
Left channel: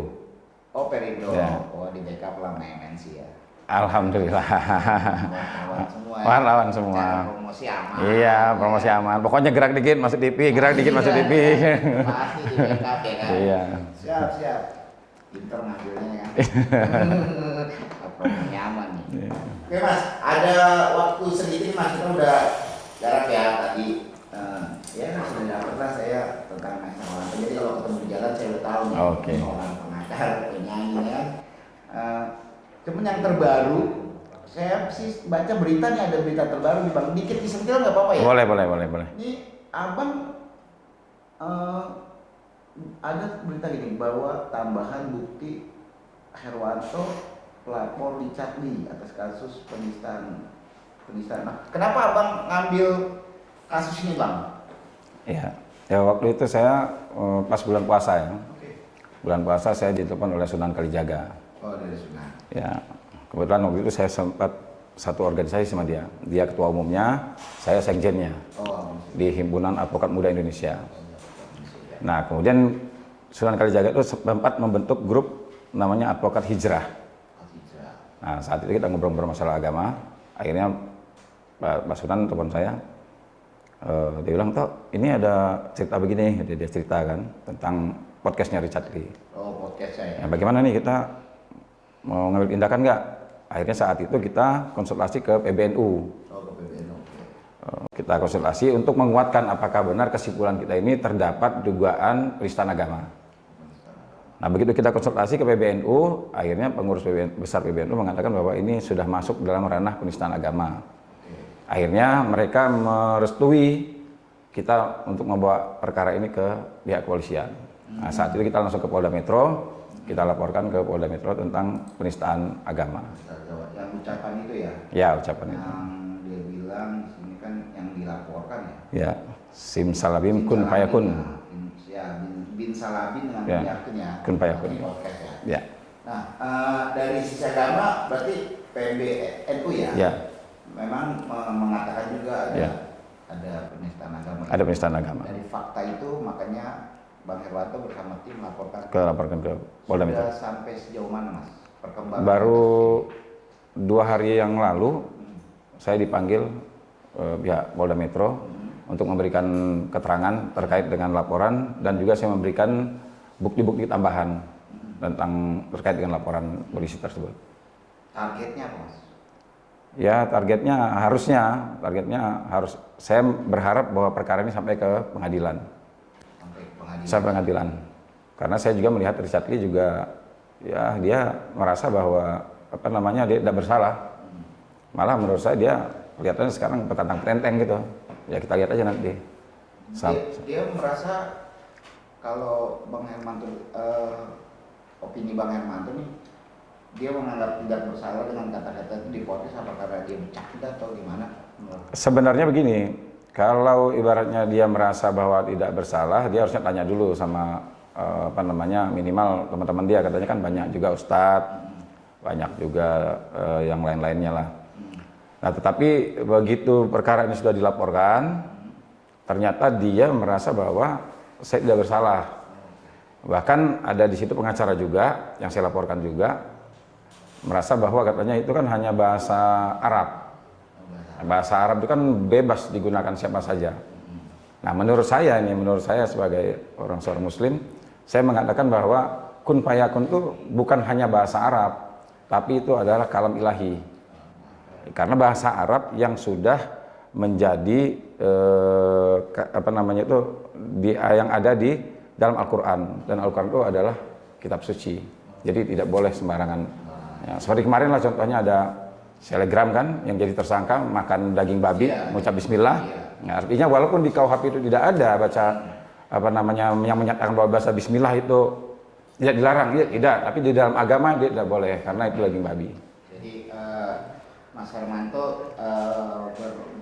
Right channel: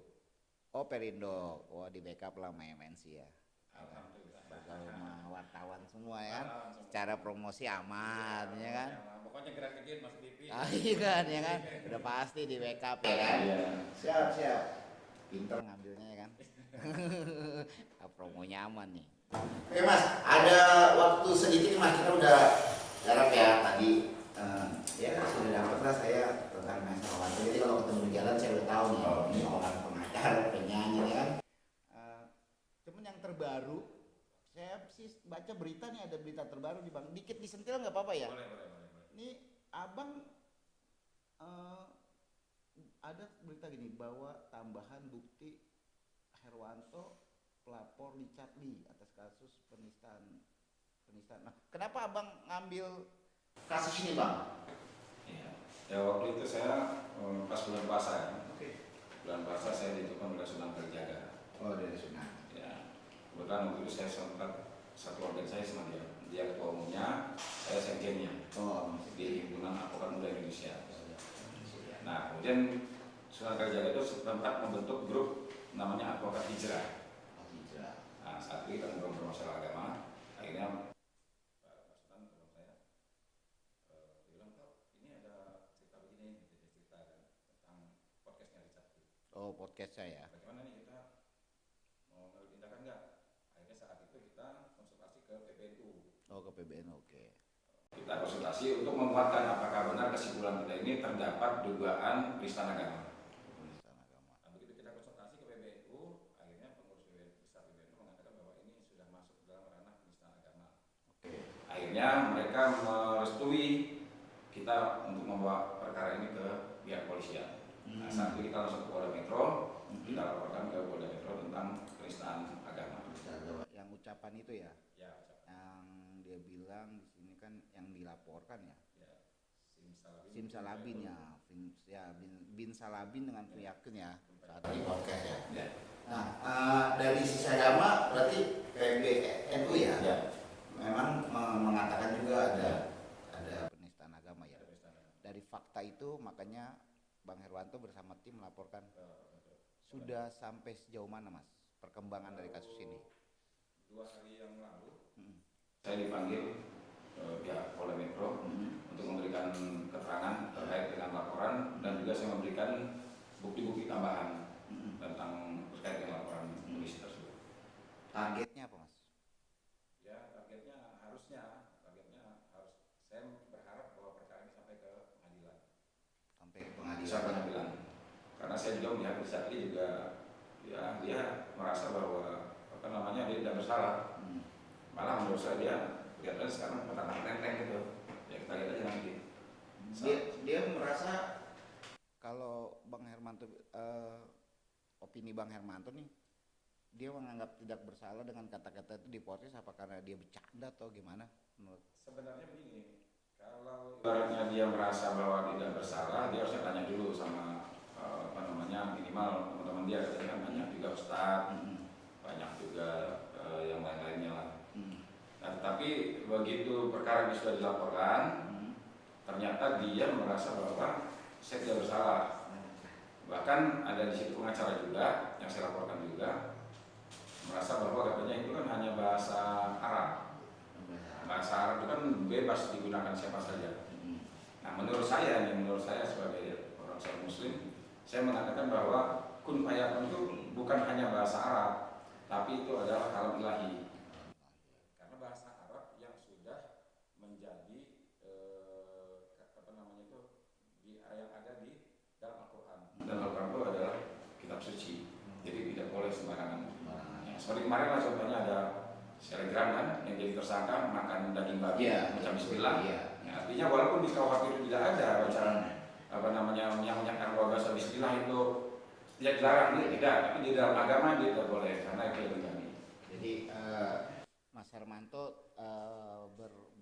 Oh Perindo. Ya. Oh di backup lah sama MNC ya. Alhamdulillah. Wartawan semua. Ya. Wartawan semua. Cara promosi aman. Iya, promosi aman. Pokoknya gerak dikit masuk TV, gerak dikit masuk TV. Pasti di backup ya kan. Iya. Siap. Pinter ngambilnya kan. Promosi aman nih. Iya. Oke mas, ada waktu sedikit mas, kita udah jarak ya tadi. Ya mas, sudah dapat saya tentang masalah. Jadi kalau ketemu jalan saya udah tahu nih. Oke. Orang pengacara, penyanyi ya. Cuman yang terbaru, saya sih baca berita nih, ada berita terbaru nih bang. Dikit disentil nggak apa-apa ya? Boleh. Ini abang ada berita gini bahwa tambahan bukti Herwanto pelapor Richard Lee atas kasus penistaan. Nah, kenapa abang ngambil kasus ini bang? Iya. Ya waktu itu saya pas bulan puasa ya. Oke. Bulan puasa saya ditelepon oleh Sunan Kalijaga. Oh dari Sunan. Ya. Kebetulan waktu itu saya sempat satu organisasi sama dia. Dia ketua umumnya, saya sekjennya Oh. di Himpunan Advokat Muda Indonesia. Nah, kemudian Sunan Kalijaga itu sempat membentuk grup namanya Advokat Hijrah. Nah, saat itu kita ngobrol-ngobrol masalah agama. Akhirnya Pak Sunan telepon saya. Dia bilang, "Toh, ini ada cerita begini." Dia cerita kan tentang podcastnya Richard Lee. Oh podcast saya. Nah, bagaimana nih kita mau ngambil tindakan nggak? Akhirnya saat itu kita konsultasi ke PBNU. Oh ke PBNU. Kita konsultasi untuk menguatkan apakah benar kesimpulan kita ini terdapat dugaan penistaan agama. Nah, begitu kita konsultasi ke PBNU, akhirnya pengurus besar PBNU mengatakan bahwa ini sudah masuk dalam ranah penistaan agama. Akhirnya mereka merestui kita untuk membawa perkara ini ke pihak kepolisian. Nah, saat itu kita langsung ke Polda Metro, kita laporkan ke Polda Metro tentang penistaan agama. Yang ucapan itu ya? Ya, ucapan itu. Yang dia bilang di sini kan yang dilaporkan ya? Ya, simsalabim kun fayakun. Ya, bin salabin dengan Ya. yakin ya. Kun fayakun. Ini podcast ya. Ya. Nah, dari sisi agama berarti PMBNU ya? Ya. Memang mengatakan juga ada Ya. ada penistaan agama. Ada penistaan agama. Dari fakta itu makanya Bang Herwanto bersama tim Laporkan ke Polda Metro. Sudah sampai sejauh mana Mas perkembangan? Baru 2 hari yang lalu saya dipanggil pihak Polda Metro untuk memberikan keterangan terkait dengan laporan, dan juga saya memberikan bukti-bukti tambahan tentang terkait dengan laporan polisi tersebut. Targetnya apa Mas? Ya, targetnya harus saya berharap bahwa perkara ini sampai ke pengadilan. Sampai pengadilan. Karena saya juga melihat Richard Lee juga ya dia merasa bahwa dia tidak bersalah. Malah menurut saya dia kelihatannya sekarang petantang penteng gitu. Ya kita lihat aja nanti. Dia merasa kalau Bang Hermanto, opini Bang Hermanto nih, dia menganggap tidak bersalah dengan kata-kata itu diprotes apa karena dia bercanda atau gimana? Sebenarnya begini, kalau ibaratnya dia merasa bahwa tidak bersalah, dia harusnya tanya dulu sama minimal teman-teman dia, katanya kan banyak juga ustadz, banyak juga yang lain-lainnya lah. Nah, tetapi begitu perkara ini sudah dilaporkan, ternyata dia merasa bahwa saya tidak bersalah. Bahkan ada di situ pengacara juga yang saya laporkan juga merasa bahwa katanya itu kan hanya bahasa Arab. Bahasa Arab itu kan bebas digunakan siapa saja. Nah, menurut saya sebagai seorang Muslim, saya mengatakan bahwa kun fayakun itu bukan hanya bahasa Arab, tapi itu adalah kalam ilahi. Karena bahasa Arab yang sudah menjadi yang ada di dalam Al-Quran, dan Al-Quran itu adalah kitab suci. Jadi tidak boleh sembarangan. Ya, seperti kemarin lah contohnya ada selegram kan yang jadi tersangka makan daging babi, mengucap bismillah. Ya, artinya walaupun di KUHP itu tidak ada baca yang menyatakan bahwa bahasa bismillah itu tidak dilarang, tidak, tapi di dalam agama dia tidak boleh karena itu daging babi. Jadi Mas Hermanto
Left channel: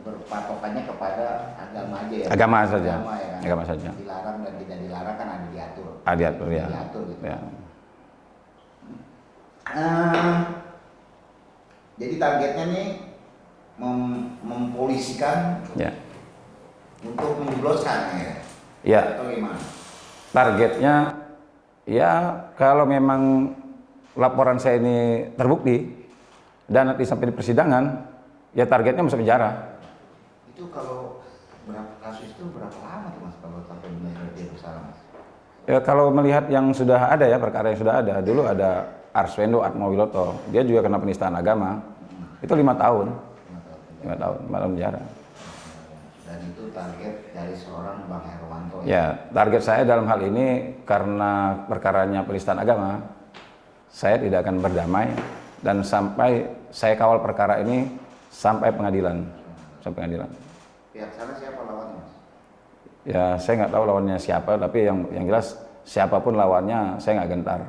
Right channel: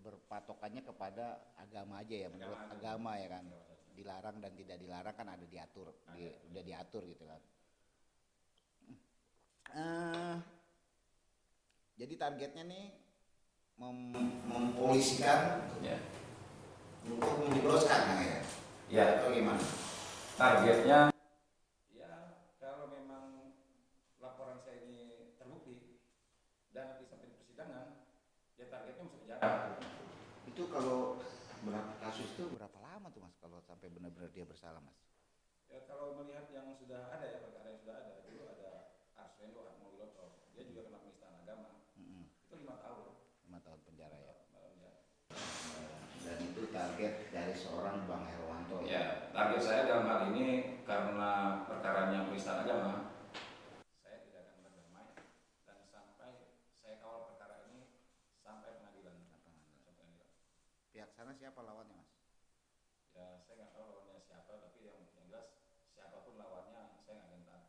berpatokannya kepada agama aja ya? Agama saja. Agama, ya kan? Agama saja. Dilarang dan tidak dilarang kan ada diatur. Diatur ya. Diatur gitu. Ya. Jadi targetnya nih mempolisikan Ya. untuk menjebloskan ya? Ya. Atau gimana? Targetnya ya kalau memang laporan saya ini terbukti dan nanti sampai di persidangan, ya targetnya masuk penjara. Itu kalau kasus itu berapa lama tuh Mas kalau sampai benar-benar dia bersalah Mas? Ya kalau melihat yang sudah ada ya, perkara yang sudah ada, dulu ada Arswendo Atmawiloto, dia juga kena penistaan agama, itu 5 tahun, 5 tahun penjara. Dan itu target dari seorang Bang Herwanto. Ya, target saya dalam hal ini karena perkaranya penistaan agama, saya tidak akan berdamai dan sampai saya kawal perkara ini sampai pengadilan. Sampai pengadilan. Pihak sana siapa lawannya Mas? Ya, saya nggak tahu lawannya siapa, tapi yang jelas siapapun lawannya saya nggak gentar.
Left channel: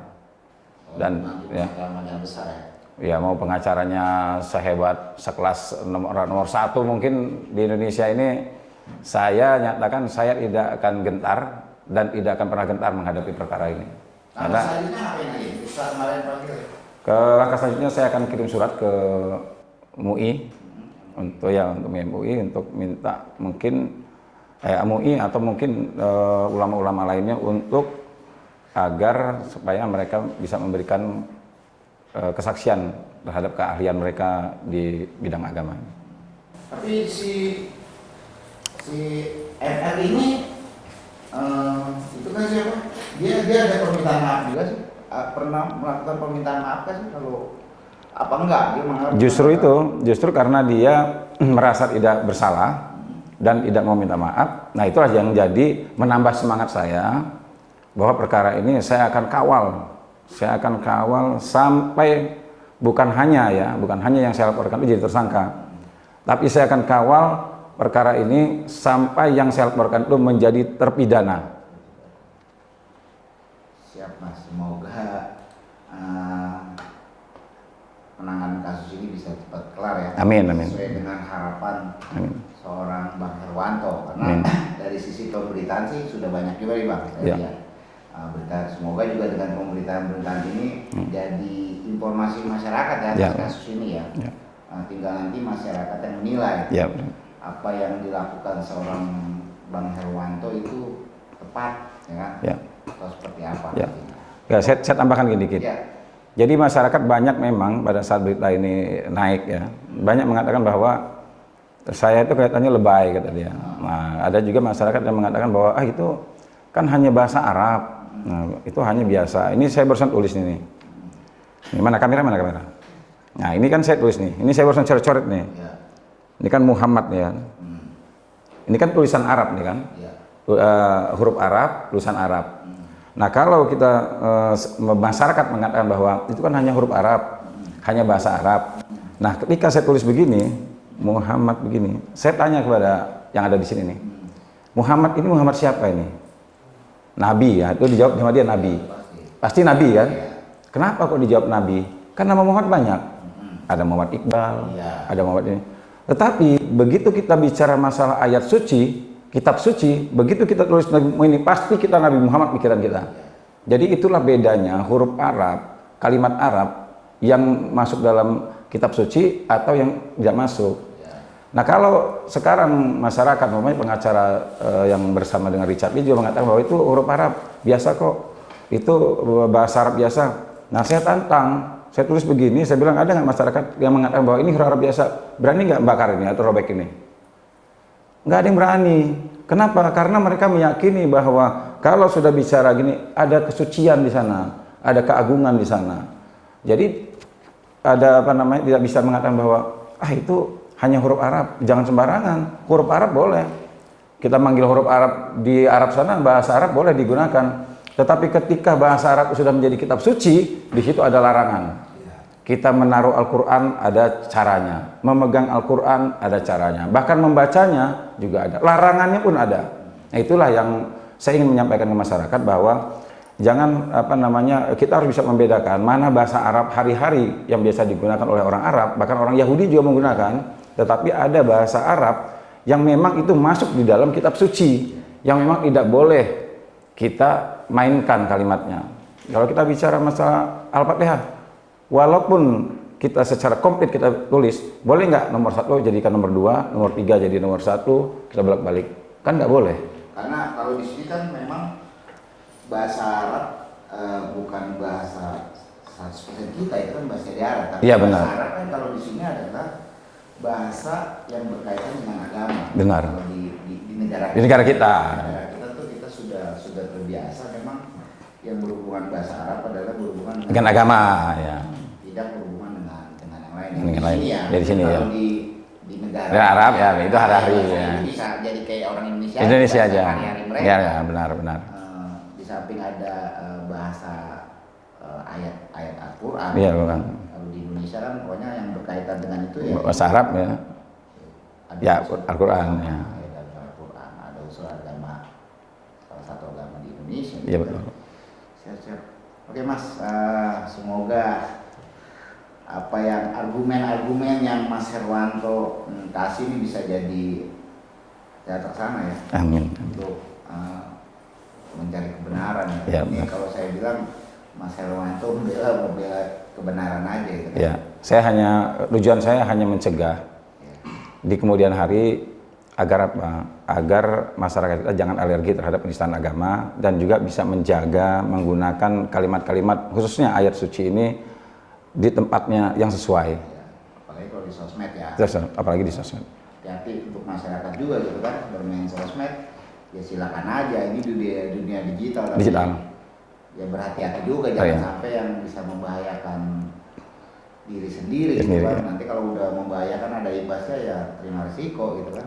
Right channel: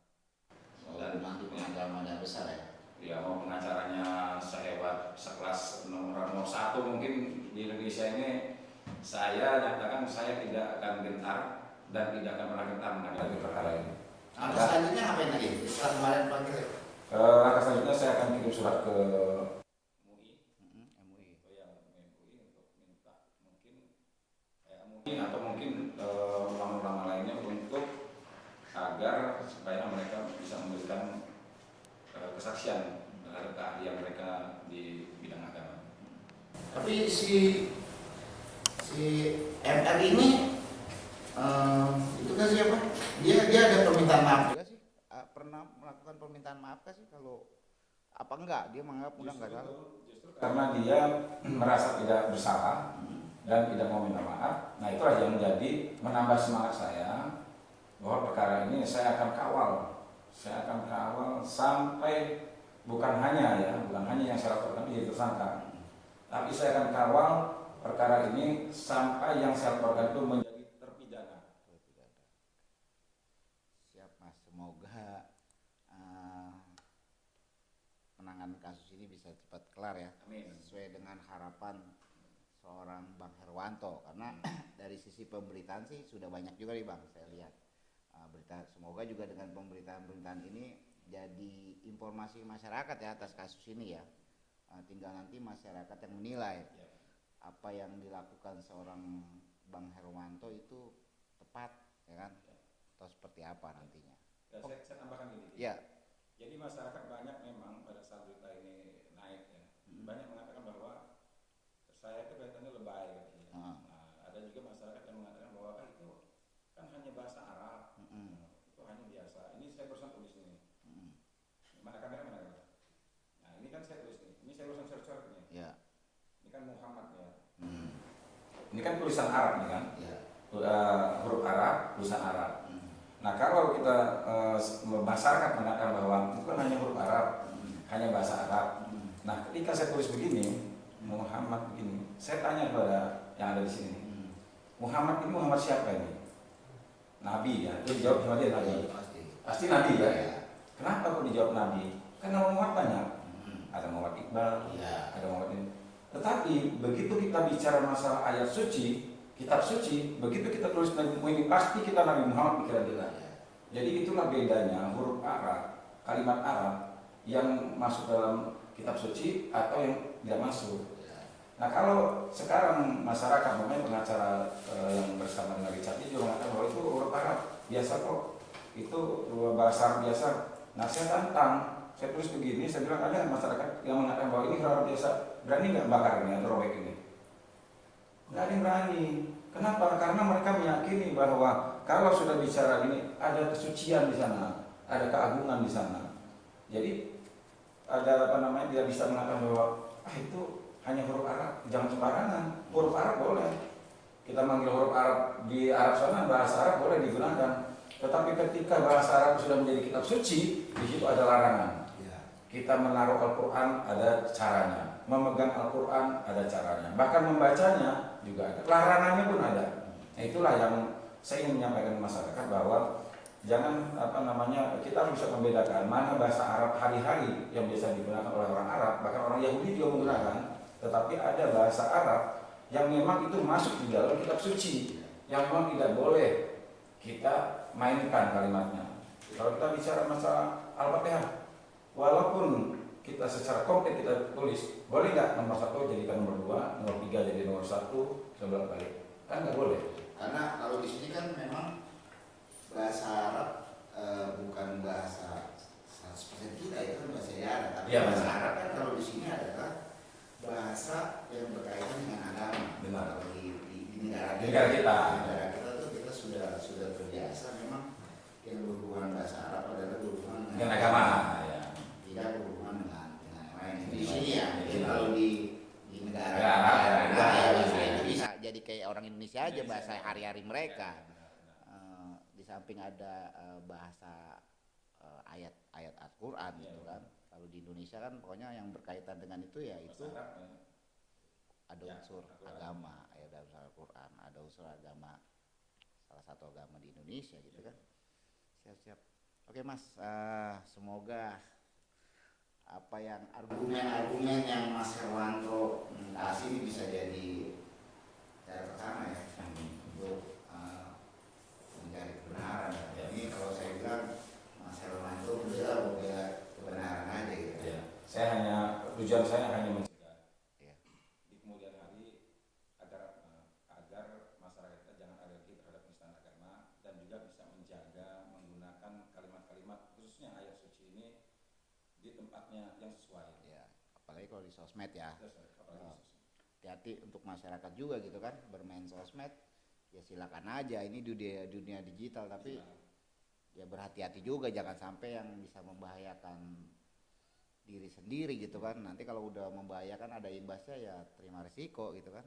Dan ya, besar ya. Ya mau pengacaranya sehebat sekelas nomor 1 mungkin di Indonesia ini, saya nyatakan saya tidak akan gentar dan tidak akan pernah gentar menghadapi perkara ini. Karena selanjutnya ngapain lagi? Langkah selanjutnya saya akan kirim surat ke MUI untuk MUI untuk minta mungkin MUI atau mungkin ulama-ulama lainnya untuk agar supaya mereka bisa memberikan kesaksian terhadap keahlian mereka di bidang agama. Tapi si FR ini itu kan siapa? Dia ada permintaan maaf juga sih? Pernah melakukan permintaan maaf kan sih kalau apa enggak? Dia Justru karena dia merasa tidak bersalah dan tidak mau minta maaf. Nah, itulah yang menjadi menambah semangat saya bahwa perkara ini saya akan kawal. Saya akan kawal sampai bukan hanya yang saya laporkan itu jadi tersangka. Tapi saya akan kawal perkara ini sampai yang saya laporkan itu menjadi terpidana. Siap Mas, semoga penanganan kasus ini bisa cepat kelar ya. Amin. Sesuai dengan harapan seorang Bang Herwanto. Karena dari sisi pemberitaan sih sudah banyak juga nih Bang. Saya lihat. berita. Semoga juga dengan pemberitaan-pemberitaan ini jadi informasi masyarakat ya atas kasus ini ya. Tinggal nanti masyarakat yang menilai apa yang dilakukan seorang Bang Herwanto itu tepat ya kan? Atau seperti apa? Ya, saya tambahkan gini dikit. Jadi masyarakat banyak memang pada saat berita ini naik ya, banyak mengatakan bahwa saya itu kelihatannya lebay kata dia. Nah, ada juga masyarakat yang mengatakan bahwa itu kan hanya bahasa Arab. Nah, itu hanya biasa. Ini saya barusan tulis nih. Ini mana kamera? Nah, ini kan saya tulis nih. Ini saya barusan coret-coret nih. Ini kan Muhammad ya. Ini kan tulisan Arab nih kan. Huruf Arab, tulisan Arab. Nah, kalau kita masyarakat mengatakan bahwa itu kan hanya huruf Arab, hanya bahasa Arab. Nah, ketika saya tulis begini, Muhammad begini, saya tanya kepada yang ada di sini nih, Muhammad ini Muhammad siapa ini? Nabi ya, itu dijawab sama dia Nabi. Pasti Nabi kan? Kenapa kok dijawab Nabi? Karena Muhammad banyak. Ada Muhammad Iqbal, ada Muhammad ini. Tetapi begitu kita bicara masalah ayat suci, kitab suci, begitu kita tulis Nabi ini pasti kita Nabi Muhammad pikiran kita. Jadi itulah bedanya huruf Arab, kalimat Arab yang masuk dalam kitab suci atau yang tidak masuk. Nah, kalau sekarang masyarakat, namanya pengacara yang bersama dengan Richard Lee juga mengatakan bahwa itu huruf Arab biasa kok, itu bahasa Arab biasa. Nah, saya tantang, saya tulis begini, saya bilang ada nggak masyarakat yang mengatakan bahwa ini huruf Arab biasa, berani nggak bakar ini atau robek ini? Nggak ada yang berani. Kenapa? Karena mereka meyakini bahwa kalau sudah bicara gini, ada kesucian di sana, ada keagungan di sana. Jadi ada apa namanya, tidak bisa mengatakan bahwa itu hanya huruf Arab, jangan sembarangan. Huruf Arab boleh. Kita manggil huruf Arab di Arab sana, bahasa Arab boleh digunakan. Tetapi ketika bahasa Arab sudah menjadi kitab suci, di situ ada larangan. Kita menaruh Al-Quran ada caranya, memegang Al-Quran ada caranya, bahkan membacanya juga ada, larangannya pun ada. Nah, itulah yang saya ingin menyampaikan ke masyarakat bahwa jangan apa namanya, kita harus bisa membedakan mana bahasa Arab hari-hari yang biasa digunakan oleh orang Arab, bahkan orang Yahudi juga menggunakan, tetapi ada bahasa Arab yang memang itu masuk di dalam kitab suci, yang memang tidak boleh kita mainkan kalimatnya. Kalau kita bicara masalah Al-Fatihah, walaupun kita secara komplit kita tulis, boleh nggak nomor 1 jadikan nomor 2, nomor 3 jadi nomor 1, kita bolak-balik? Kan nggak boleh. Karena kalau di sini kan memang bahasa Arab bukan bahasa 100% kita, itu kan bahasa daerah. Iya benar. Bahasa Arab kan kalau di sini adalah bahasa yang berkaitan dengan agama. Benar. Kalau di negara kita. Di negara kita. Di negara kita tuh kita sudah terbiasa memang yang berhubungan bahasa Arab adalah berhubungan dengan agama ya. Tidak berhubungan dengan yang lain. Dengan lain. Ya. Dari sini ya. Kalau di negara Arab ya, itu hari-hari ya. Bisa jadi kayak orang Indonesia. Indonesia aja. Hari-hari mereka. Ya, benar. Di samping ada bahasa ayat-ayat Al-Quran. Iya, bukan. Kalau di Indonesia kan pokoknya yang berkaitan dengan itu ya. Bahasa Arab ya. Ada Ya, unsur Al-Quran ya. Al-Quran, ada unsur agama, salah satu agama di Indonesia. Iya gitu. betul. Siap. Oke Mas, semoga apa yang argumen-argumen yang Mas Herwanto kasih ini bisa jadi terlaksana ya. Amin. Untuk mencari kebenaran ya. Ini kalau saya bilang Mas Herwanto membela kebenaran aja gitu. Ya, tujuan saya hanya mencegah di kemudian hari agar apa? Agar masyarakat kita jangan alergi terhadap penistaan agama dan juga bisa menjaga menggunakan kalimat-kalimat khususnya ayat suci ini di tempatnya yang sesuai. Ya, apalagi kalau di sosmed ya. Apalagi di sosmed. Hati-hati untuk masyarakat juga gitu kan, bermain sosmed ya silakan aja, ini dunia digital. Tapi ya berhati-hati juga, jangan sampai yang bisa membahayakan diri sendiri gitu kan. Nanti kalau udah membahayakan ada imbasnya ya terima risiko gitu kan.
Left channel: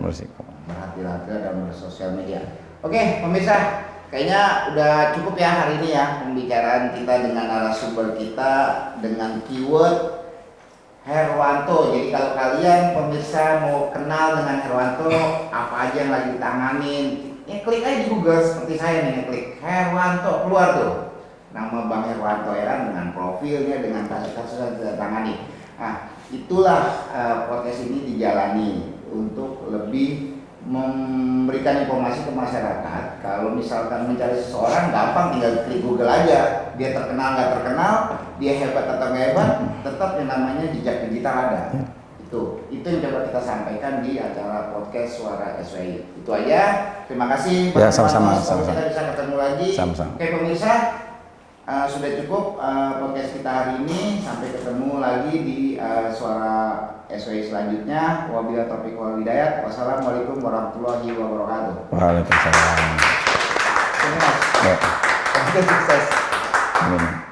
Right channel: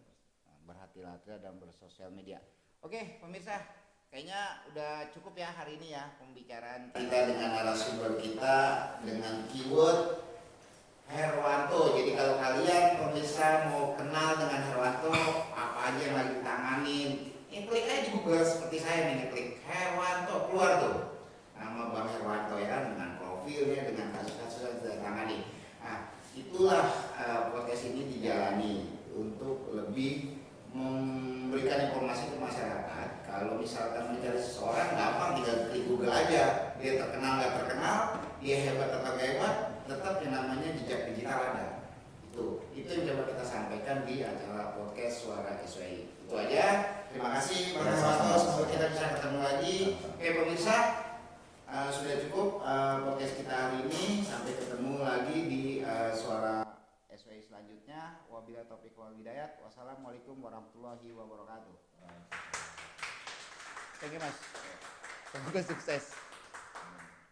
Berhati-hati dalam bersosial media. Oke pemirsa, kayaknya udah cukup ya hari ini ya pembicaraan kita dengan narasumber kita dengan keyword Herwanto. Jadi kalau kalian pemirsa mau kenal dengan Herwanto, apa aja yang lagi ditanganin, klik aja di Google seperti saya nih, klik Herwanto, keluar tuh nama Bang Herwanto ya kan, dengan profilnya, dengan kasus-kasus yang ditangani. Nah itulah podcast ini dijalani untuk lebih memberikan informasi ke masyarakat. Kalau misalkan mencari seseorang gampang, tinggal klik Google aja. Dia terkenal nggak terkenal, dia hebat atau nggak hebat, tetap yang namanya jejak digital ada. Itu yang dapat kita sampaikan di acara podcast Suara SWI. Itu aja. Terima kasih. Ya, sama-sama. Sampai kita bisa ketemu lagi. Sama-sama. Oke pemirsa, sudah cukup podcast kita hari ini. Sampai ketemu lagi di Suara SWI selanjutnya. Wabillahi taufiq wal hidayah. Wassalamualaikum warahmatullahi wabarakatuh. Waalaikumsalam. Terima kasih. Ya. Sukses. Amin.